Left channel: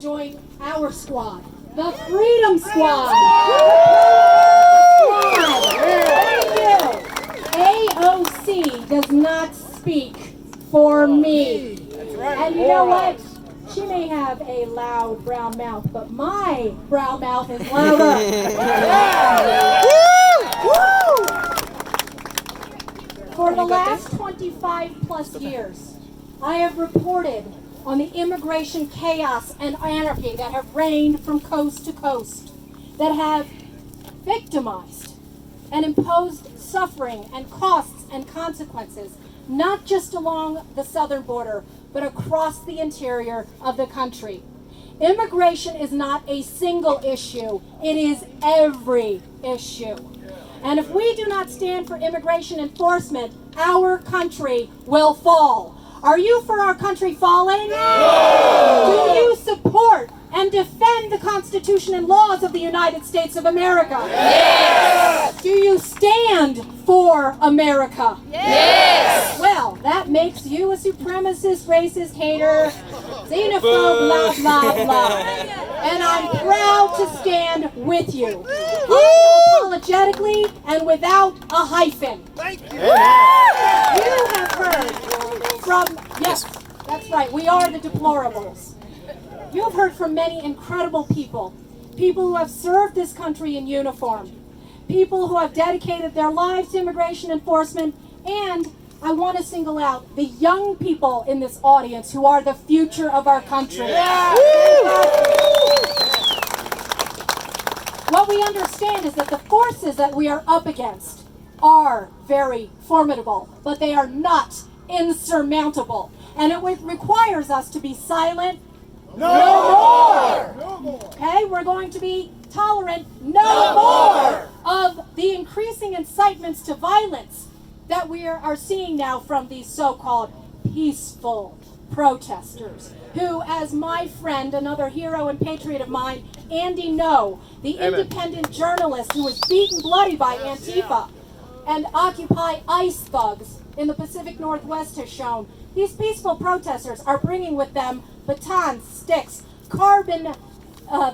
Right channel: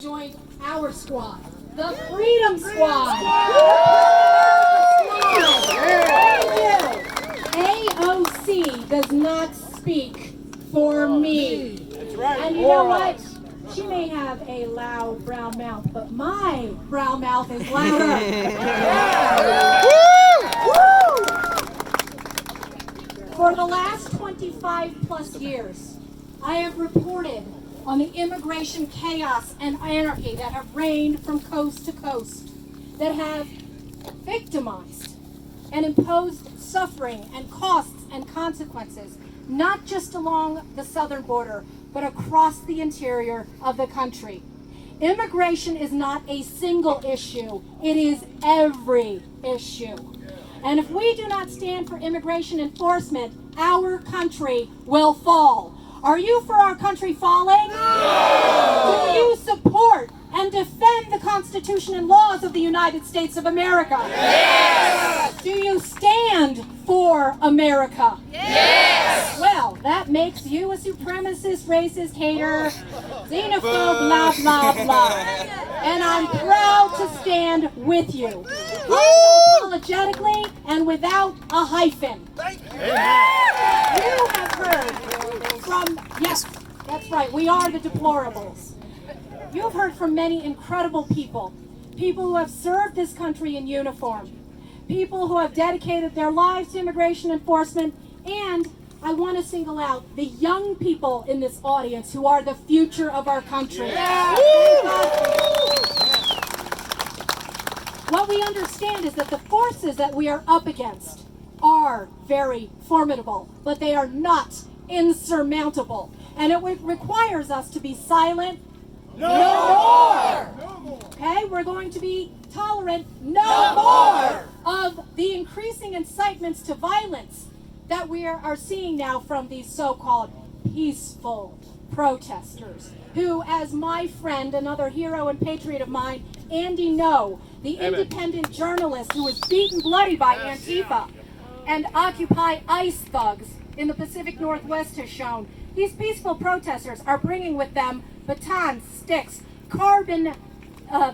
Join our squad, the Freedom Squad. AOC does not speak for me. That's right. And you know what? She may have a loud brown mouth, but my brown mouth is louder. For the last 25 plus years, I have reported on the immigration chaos and anarchy that have reigned from coast to coast, that have victimized and imposed suffering and costs and consequences, not just along the southern border, but across the interior of the country. Immigration is not a single issue, it is every issue. And if we do not stand for immigration enforcement, our country will fall. Are you for our country falling? No! Do you support and defend the Constitution and laws of the United States of America? Yes! Do you stand for America? Yes! Well, that makes you a supremacist, racist, hater, xenophobe, blah, blah, blah. And I'm proud to stand with you. Unapologetically and without a hyphen. Thank you. You have heard from, yes, that's right, we are the deplorables. You have heard from many incredible people who have served this country in uniform, people who have dedicated their lives to immigration enforcement, and I want to single out the young people in this audience who are the future of our country. What we understand is that the forces that we are up against are very formidable, but they are not insurmountable. And it requires us to be silent. No more! Okay, we're going to be tolerant. No more of the increasing incitements to violence that we are seeing now from these so-called peaceful protesters, who, as my friend, another hero and patriot of mine, Andy No, the independent journalist who was beaten bloody by Antifa and Occupy ICE thugs in the Pacific Northwest, has shown, these peaceful protesters are bringing with them batons, sticks, carbon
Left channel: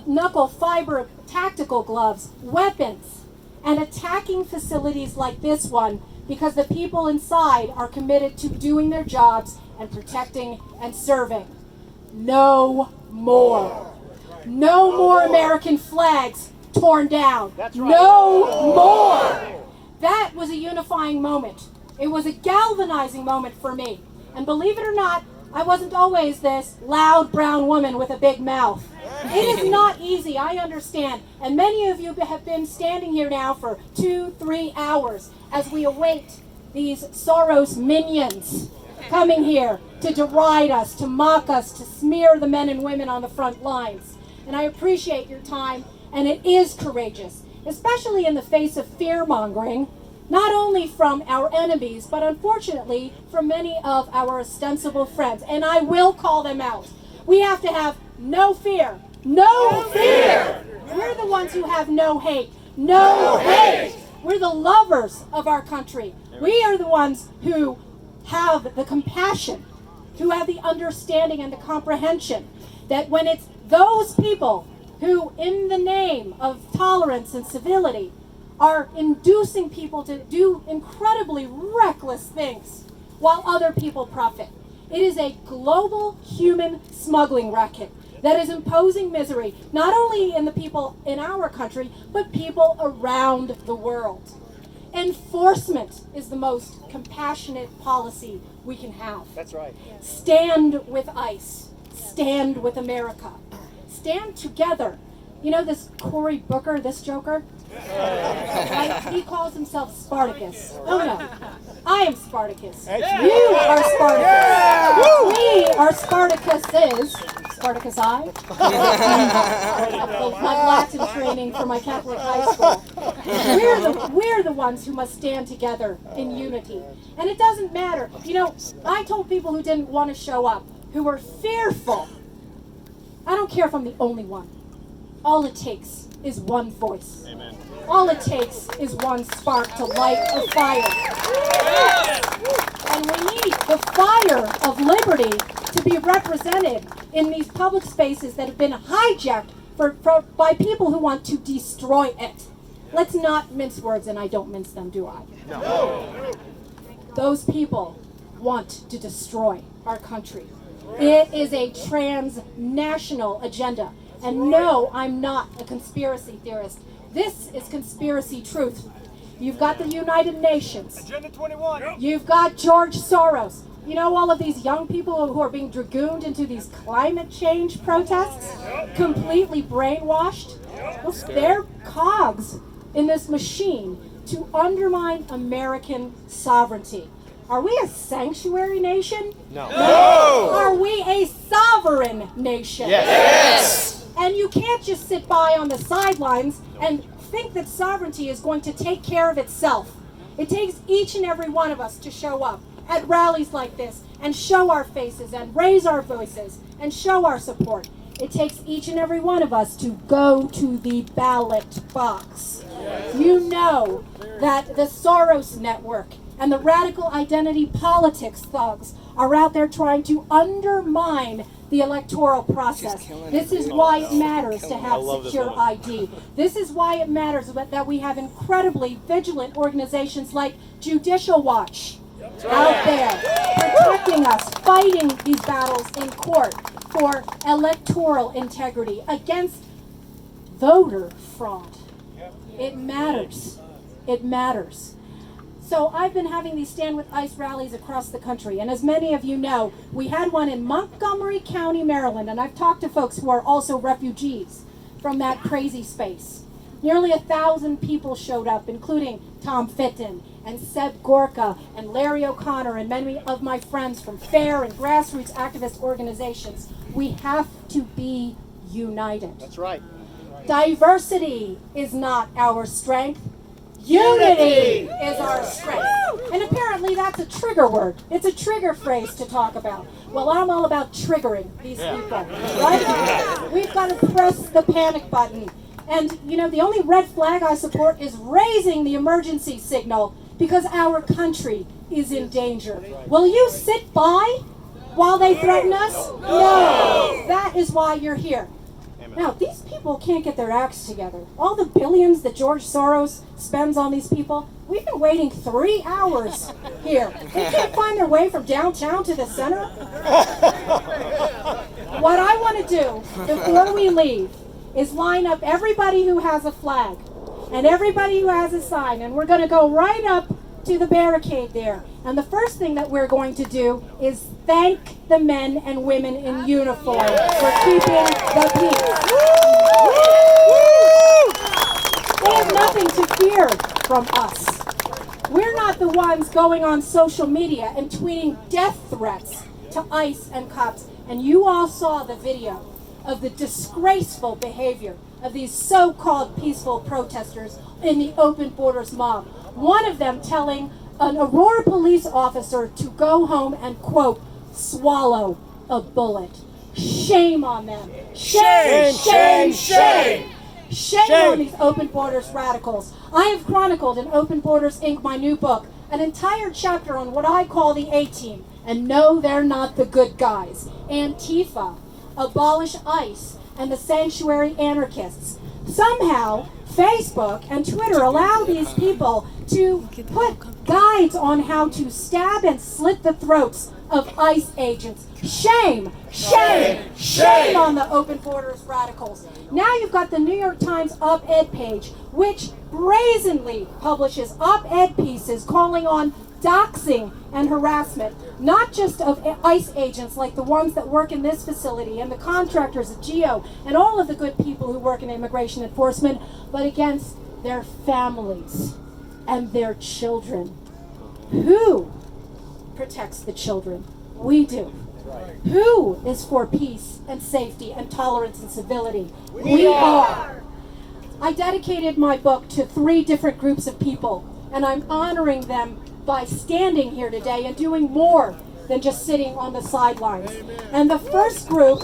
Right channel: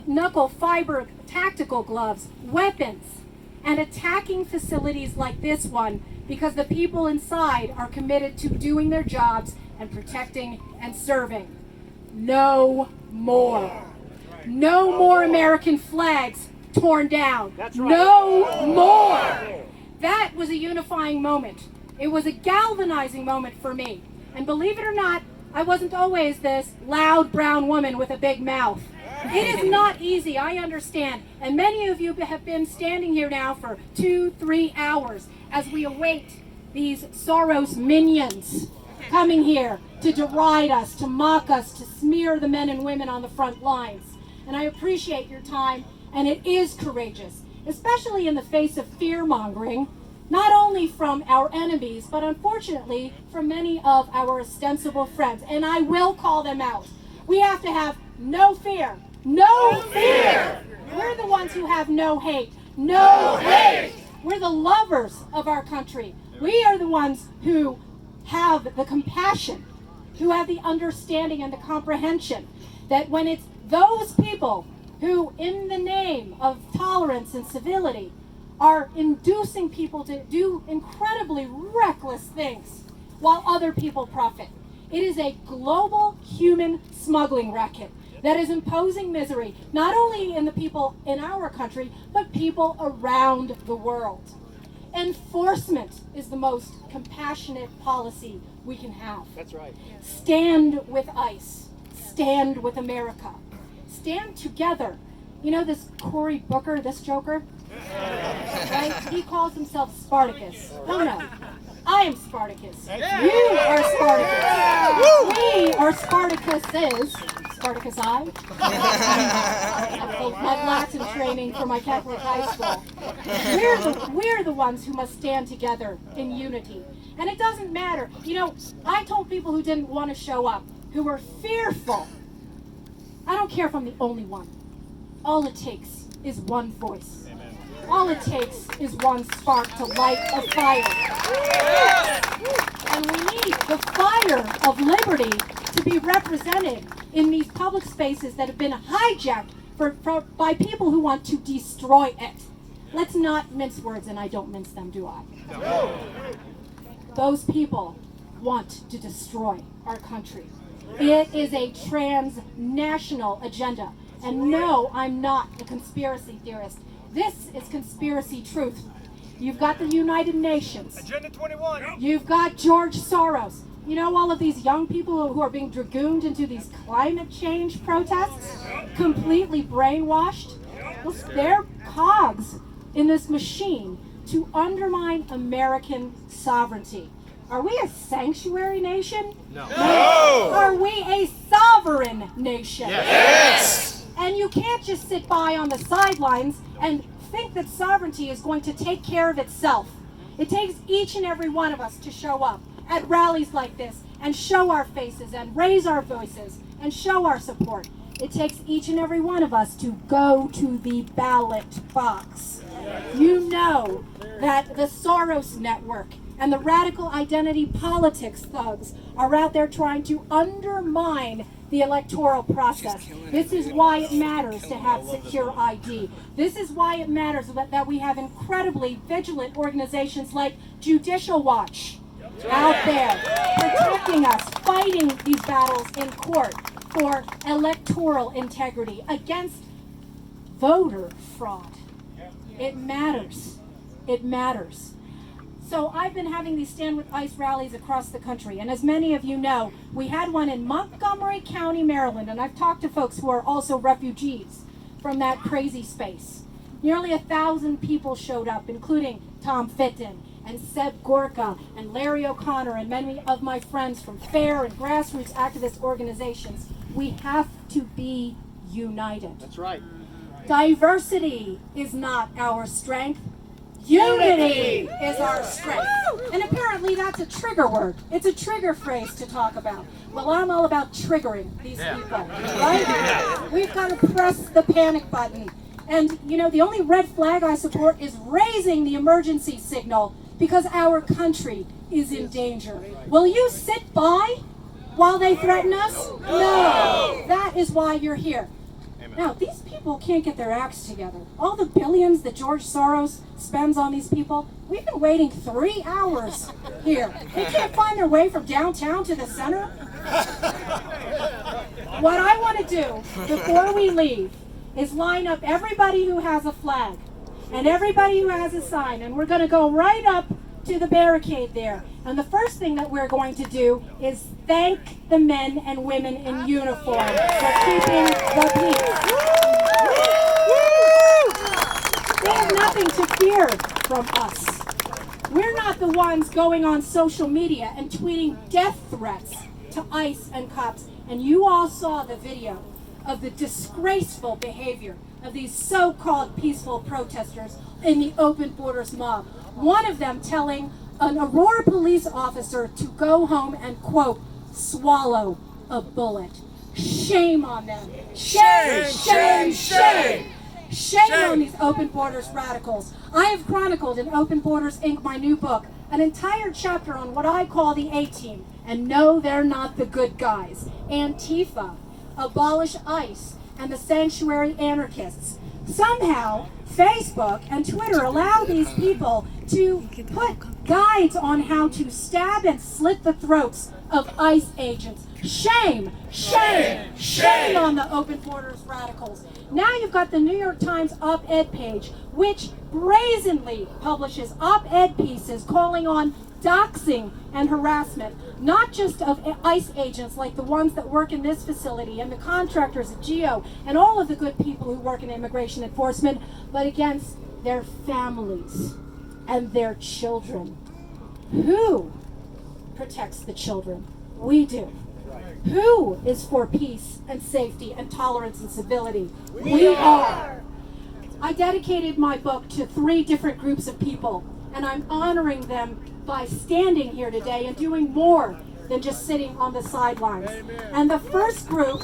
knuckle fiber tactical gloves, weapons, and attacking facilities like this one because the people inside are committed to doing their jobs and protecting and serving. No more. No more American flags torn down. No more. That was a unifying moment. It was a galvanizing moment for me. And believe it or not, I wasn't always this loud brown woman with a big mouth. It is not easy, I understand. And many of you have been standing here now for 2-3 hours as we await these Soros minions coming here to deride us, to mock us, to smear the men and women on the front lines. And I appreciate your time, and it is courageous, especially in the face of fear-mongering, not only from our enemies, but unfortunately from many of our ostensible friends. And I will call them out. We have to have no fear. No fear! We're the ones who have no hate. No hate! We're the lovers of our country. We are the ones who have the compassion, who have the understanding and the comprehension that when it's those people who, in the name of tolerance and civility, are inducing people to do incredibly reckless things while other people profit. It is a global human smuggling racket that is imposing misery, not only in the people in our country, but people around the world. Enforcement is the most compassionate policy we can have. That's right. Stand with ICE. Stand with America. Stand together. You know this Cory Booker, this joker? Right? He calls himself Spartacus. Oh no, I am Spartacus. You are Spartacus. We are Spartacuses. Spartacus I. My Latin training for my Catholic high school. We're the ones who must stand together in unity. And it doesn't matter. You know, I told people who didn't want to show up, who were fearful, I don't care if I'm the only one. All it takes is one voice. Amen. All it takes is one spark to light a fire. And we need the fire of liberty to be represented in these public spaces that have been hijacked by people who want to destroy it. Let's not mince words, and I don't mince them, do I? No. Those people want to destroy our country. It is a transnational agenda. And no, I'm not a conspiracy theorist. This is conspiracy truth. You've got the United Nations. Agenda 21. You've got George Soros. You know all of these young people who are being dragooned into these climate change protests? Completely brainwashed? They're cogs in this machine to undermine American sovereignty. Are we a sanctuary nation? No. Are we a sovereign nation? Yes. And you can't just sit by on the sidelines and think that sovereignty is going to take care of itself. It takes each and every one of us to show up at rallies like this and show our faces and raise our voices and show our support. It takes each and every one of us to go to the ballot box. You know that the Soros network and the radical identity politics thugs are out there trying to undermine the electoral process. This is why it matters to have secure ID. This is why it matters that we have incredibly vigilant organizations like Judicial Watch out there protecting us, fighting these battles in court for electoral integrity against voter fraud. It matters. It matters. So I've been having these Stand With ICE rallies across the country, and as many of you know, we had one in Montgomery County, Maryland, and I've talked to folks who are also refugees from that crazy space. Nearly 1,000 people showed up, including Tom Fitton and Seb Gorka and Larry O'Connor and many of my friends from FAIR and grassroots activist organizations. We have to be united. That's right. Diversity is not our strength. Unity is our strength. And apparently that's a trigger word. It's a trigger phrase to talk about. Well, I'm all about triggering these people, right? We've got to press the panic button. And, you know, the only red flag I support is raising the emergency signal because our country is in danger. Will you sit by while they threaten us? No. That is why you're here. Now, these people can't get their acts together. All the billions that George Soros spends on these people, we've been waiting 3 hours here. They can't find their way from downtown to the center. What I want to do before we leave is line up everybody who has a flag and everybody who has a sign, and we're going to go right up to the barricade there. And the first thing that we're going to do is thank the men and women in uniform for keeping the peace. They have nothing to fear from us. We're not the ones going on social media and tweeting death threats to ICE and cops. And you all saw the video of the disgraceful behavior of these so-called peaceful protesters in the Open Borders mob. One of them telling an Aurora police officer to go home and, quote, swallow a bullet. Shame on them. Shame, shame, shame. Shame on these Open Borders radicals. I have chronicled in Open Borders Inc., my new book, an entire chapter on what I call the A-Team. And no, they're not the good guys. Antifa, Abolish ICE, and the sanctuary anarchists. Somehow, Facebook and Twitter allow these people to put guides on how to stab and slit the throats of ICE agents. Shame, shame, shame on the Open Borders radicals. Now you've got the New York Times op-ed page, which brazenly publishes op-ed pieces calling on doxing and harassment, not just of ICE agents like the ones that work in this facility and the contractors at GEO and all of the good people who work in immigration enforcement, but against their families and their children. Who protects the children? We do. Who is for peace and safety and tolerance and civility? We are. I dedicated my book to 3 different groups of people, and I'm honoring them by standing here today and doing more than just sitting on the sidelines. And the first group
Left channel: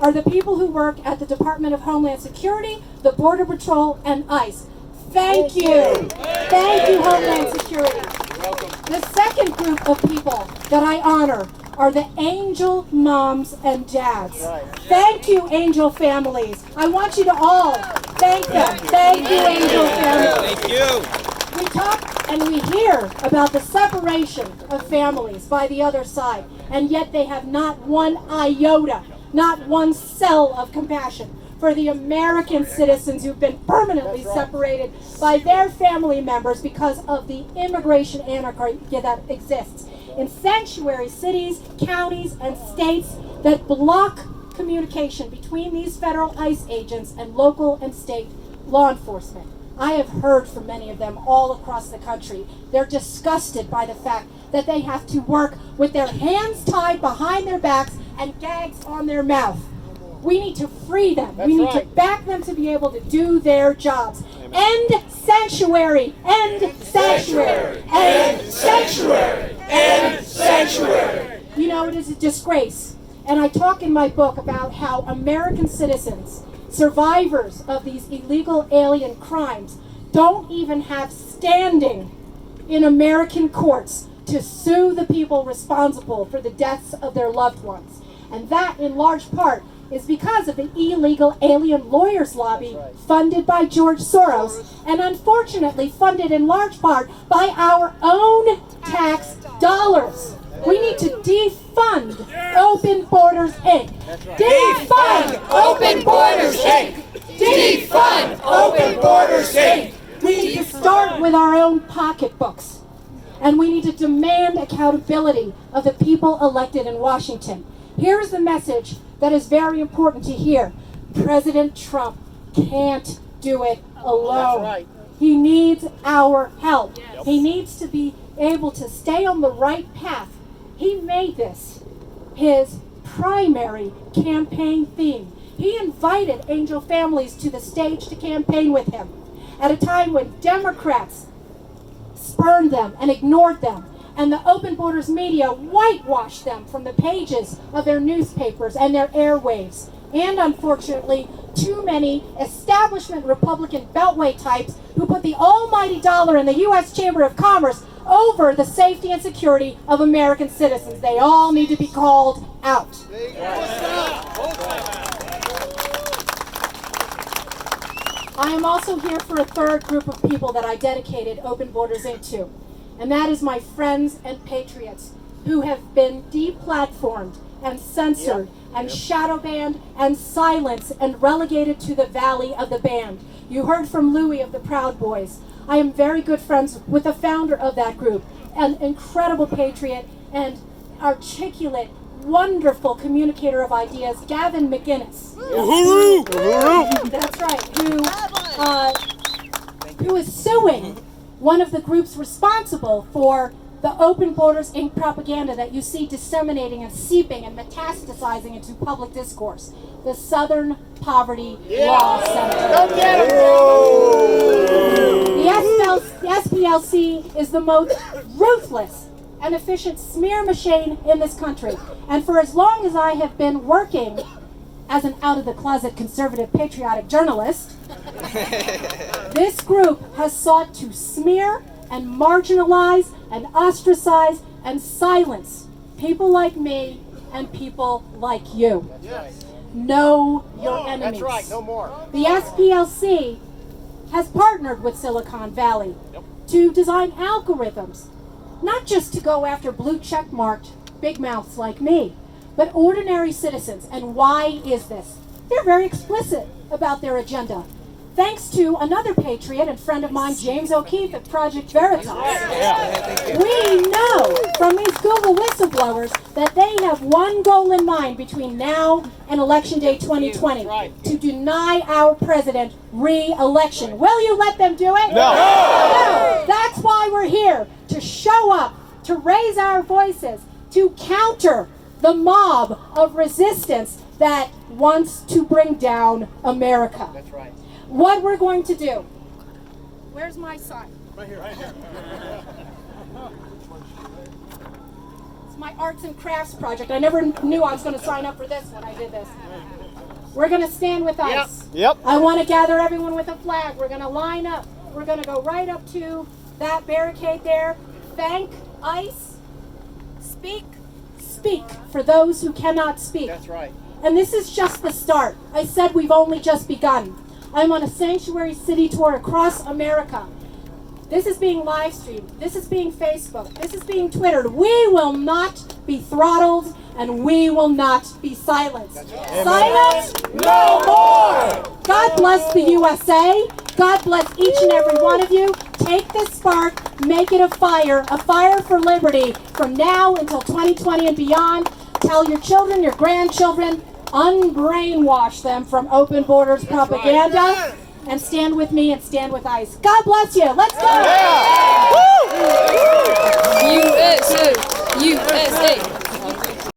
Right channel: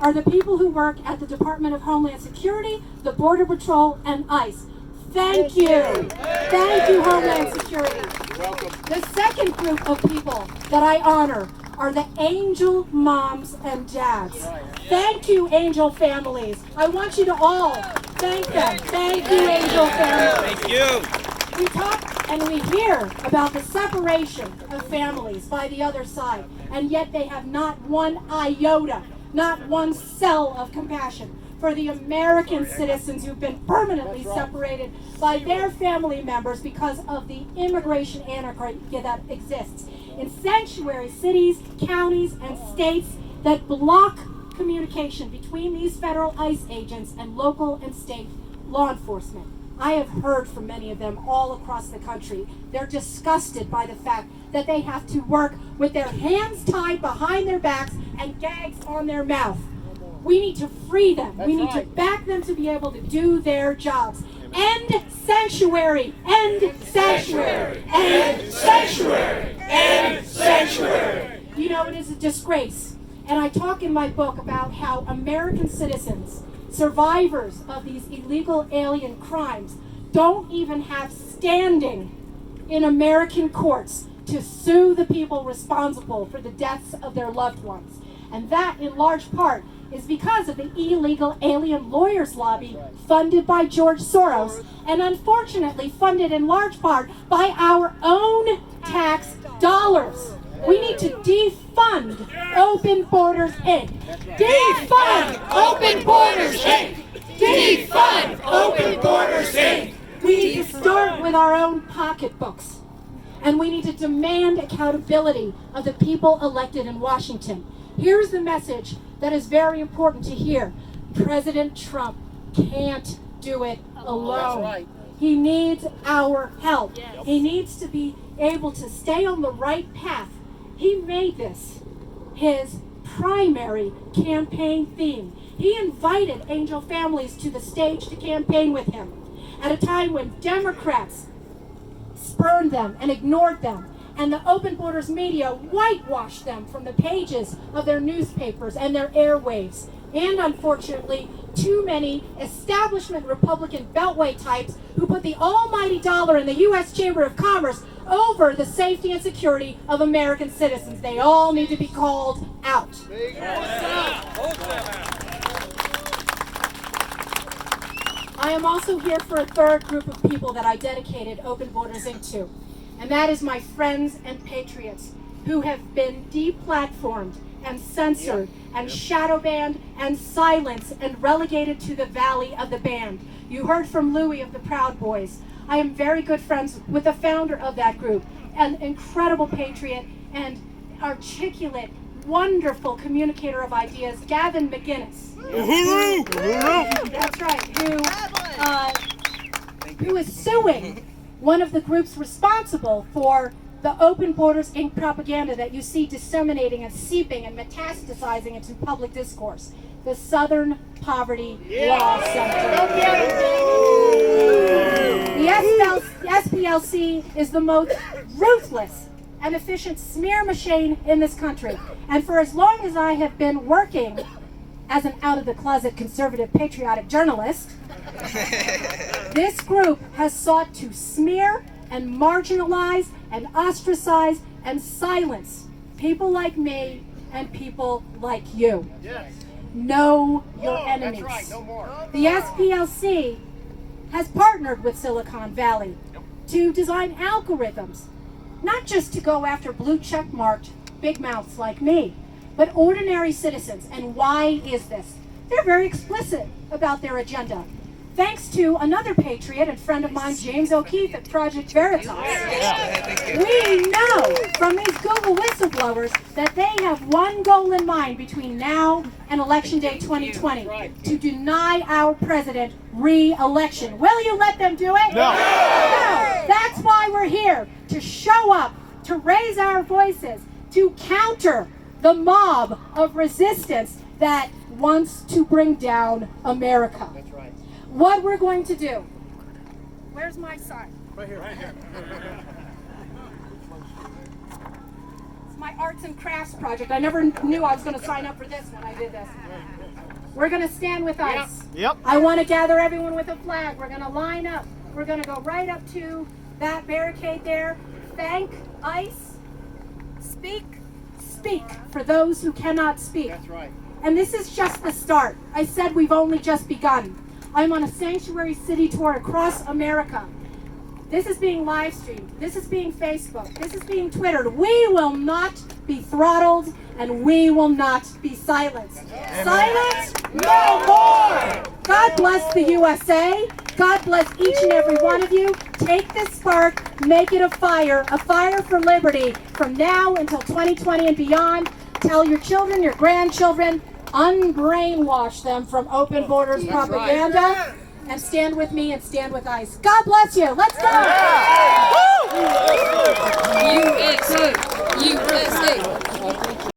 are the people who work at the Department of Homeland Security, the Border Patrol, and ICE. Thank you. Thank you, Homeland Security. The second group of people that I honor are the angel moms and dads. Thank you, angel families. I want you to all thank them. Thank you, angel families. Thank you. We talk and we hear about the separation of families by the other side, and yet they have not one iota, not one cell of compassion for the American citizens who've been permanently separated by their family members because of the immigration anarchy that exists in sanctuary cities, counties, and states that block communication between these federal ICE agents and local and state law enforcement. I have heard from many of them all across the country. They're disgusted by the fact that they have to work with their hands tied behind their backs and gags on their mouth. We need to free them. We need to back them to be able to do their jobs. End sanctuary! End sanctuary! End sanctuary! End sanctuary! You know, it is a disgrace. And I talk in my book about how American citizens, survivors of these illegal alien crimes, don't even have standing in American courts to sue the people responsible for the deaths of their loved ones. And that, in large part, is because of the illegal alien lawyers lobby funded by George Soros, and unfortunately funded in large part by our own tax dollars. We need to defund Open Borders Inc. Defund Open Borders Inc. Defund Open Borders Inc. We need to start with our own pocketbooks, and we need to demand accountability of the people elected in Washington. Here's the message that is very important to hear. President Trump can't do it alone. That's right. He needs our help. Yes. He needs to be able to stay on the right path. He made this his primary campaign theme. He invited angel families to the stage to campaign with him at a time when Democrats spurned them and ignored them, and the Open Borders media whitewashed them from the pages of their newspapers and their airwaves. And unfortunately, too many establishment Republican beltway types who put the almighty dollar in the U.S. Chamber of Commerce over the safety and security of American citizens. They all need to be called out. I am also here for a third group of people that I dedicated Open Borders into, and that is my friends and patriots who have been deplatformed and censored and shadow banned and silenced and relegated to the valley of the band. You heard from Louie of the Proud Boys. I am very good friends with the founder of that group, an incredible patriot and articulate, wonderful communicator of ideas, Gavin McInnes. That's right, who is suing one of the groups responsible for the Open Borders Inc. propaganda that you see disseminating and seeping and metastasizing into public discourse. The Southern Poverty Law Center. The SPLC is the most ruthless and efficient smear machine in this country. And for as long as I have been working as an out-of-the-closet conservative patriotic journalist, this group has sought to smear and marginalize and ostracize and silence people like me and people like you. Yes. Know your enemies. That's right, no more. The SPLC has partnered with Silicon Valley to design algorithms, not just to go after blue check marked big mouths like me, but ordinary citizens. And why is this? They're very explicit about their agenda. Thanks to another patriot and friend of mine, James O'Keefe at Project Veritas, we know from these Google whistleblowers that they have one goal in mind between now and Election Day 2020, to deny our president re-election. Will you let them do it? No. No. That's why we're here, to show up, to raise our voices, to counter the mob of resistance that wants to bring down America. That's right. What we're going to do. Where's my sign? Right here. It's my arts and crafts project. I never knew I was going to sign up for this when I did this. We're going to stand with ICE. Yep. I want to gather everyone with a flag. We're going to line up. We're going to go right up to that barricade there. Thank ICE. Speak speak for those who cannot speak. That's right. And this is just the start. I said we've only just begun. I'm on a sanctuary city tour across America. This is being live streamed. This is being Facebook. This is being Twittered. We will not be throttled, and we will not be silenced. Silence? No more! God bless the USA. God bless each and every one of you. Take this spark, make it a fire for liberty from now until 2020 and beyond. Tell your children, your grandchildren, unbrainwash them from open borders propaganda. And stand with me and stand with ICE. God bless you. Let's go. USA. USA.